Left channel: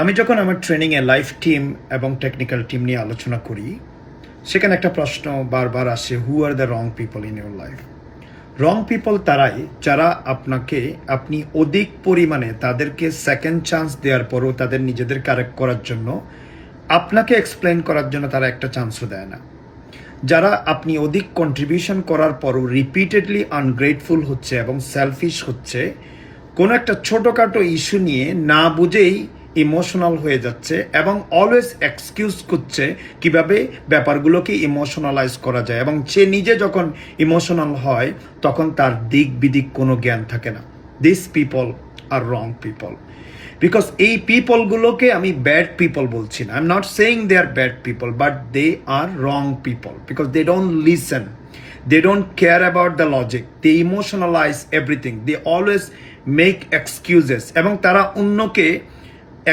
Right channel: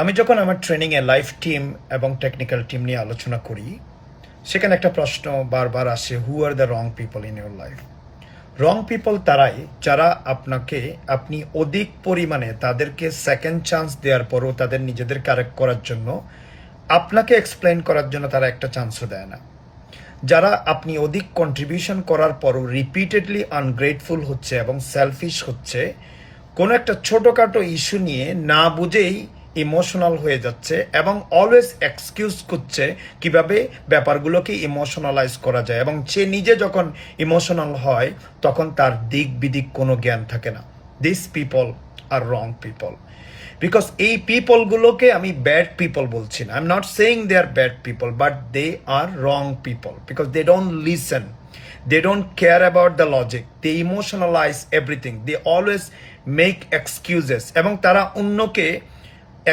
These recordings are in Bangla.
আমি যখন আমার ট্রেনিংয়ে লাইফ টিম এবং টেকনিক্যাল টিম নিয়ে আলোচনা করি, সেখানে একটা প্রশ্ন বারবার আসে, who are the wrong people in your life? Wrong people তারাই যারা আপনি অধিক পরিমাণে তাদেরকে সেকেন্ড চান্স দেওয়ার পরও তাদের নিজেদের কারেক্ট করার জন্য, আপনাকে এক্সপ্লেন করার জন্য তারা একটা চান্সও দেয় না। যারা আপনি অধিক কন্ট্রিবিউশন করার পরও রিপিটেডলি আনগ্রেটফুল হচ্ছে এবং সেলফিশ হচ্ছে, কোনো একটা ছোটোখাটো ইস্যু নিয়ে না বুঝেই ইমোশনাল হয়ে যাচ্ছে এবং অলওয়েজ এক্সকিউজ করছে কিভাবে ব্যাপারগুলোকে ইমোশনালাইজ করা যায়, এবং সে নিজে যখন ইমোশনাল হয় তখন তার দিক বিদিক কোনো জ্ঞান থাকে না। This people are wrong people. Because এই পিপলগুলোকে আমি ব্যাড পিপল বলছি না, I am not saying they are bad people, but they are wrong people because they don't listen, they don't care about the logic, they emotionalize everything, they always make excuses, এবং তারা অন্যকে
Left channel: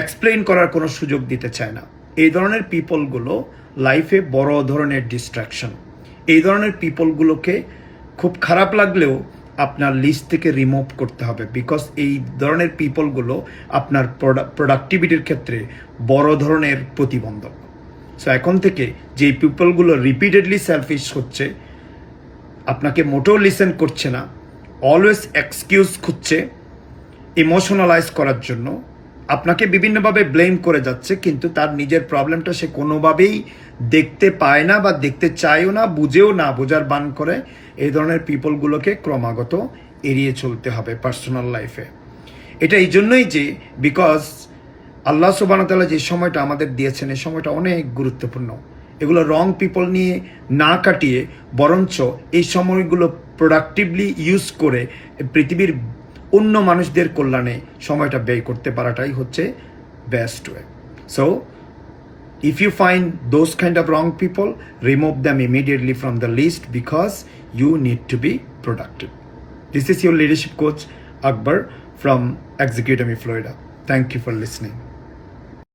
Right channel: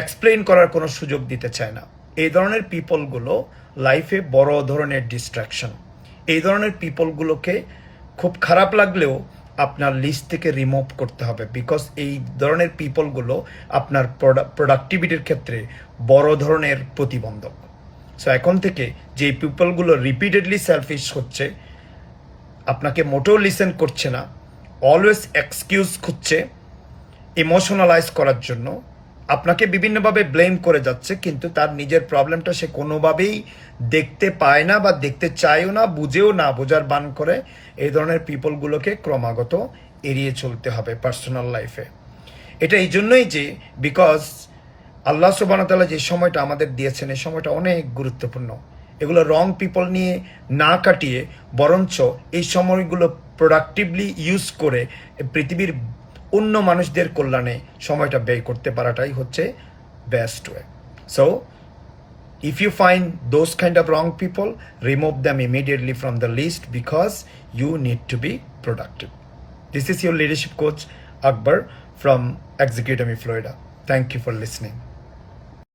এক্সপ্লেন করার কোনো সুযোগ দিতে চায় না। এই ধরনের পিপলগুলো লাইফে বড় ধরনের ডিস্ট্রাকশন। এই ধরনের পিপলগুলোকে খুব খারাপ লাগলেও আপনার লিস্ট থেকে রিমুভ করতে হবে, বিকজ এই ধরনের পিপলগুলো আপনার প্রোডাক্টিভিটির ক্ষেত্রে বড় ধরনের প্রতিবন্ধক। সো এখন থেকে যে পিপলগুলো রিপিটেডলি সেলফিশ হচ্ছে, আপনাকে মোটেও লিসেন করছে না, অলওয়েজ এক্সকিউজ খুঁজছে ইমোশনালাইজ করার জন্য, আপনাকে বিভিন্নভাবে ব্লেম করে যাচ্ছে, কিন্তু তার নিজের প্রবলেমটা সে কোনোভাবেই দেখতে পায় না বা দেখতে চায়ও না, বুঝেও না, বোঝার বান করে, এই ধরনের পিপলগুলোকে ক্রমাগত এড়িয়ে চলতে হবে পার্সোনাল লাইফে। এটা এই জন্যই যে বিকজ আল্লাহ সুবহানাহু ওয়া তাআলা যে সময়টা আমাদের দিয়েছেন, এই সময়টা অনেক গুরুত্বপূর্ণ। এগুলো রং পিপল নিয়ে না কাটিয়ে বরঞ্চ এই সময়গুলো প্রোডাক্টিভলি ইউজ করে পৃথিবীর অন্য মানুষদের কল্যাণে সময়টা ব্যয় করতে পারাটাই হচ্ছে best way. So if you find those kind of wrong people, remove them immediately from the list because you need to be productive. This is your leadership coach Akbar from Execute Me Florida. Thank you for listening.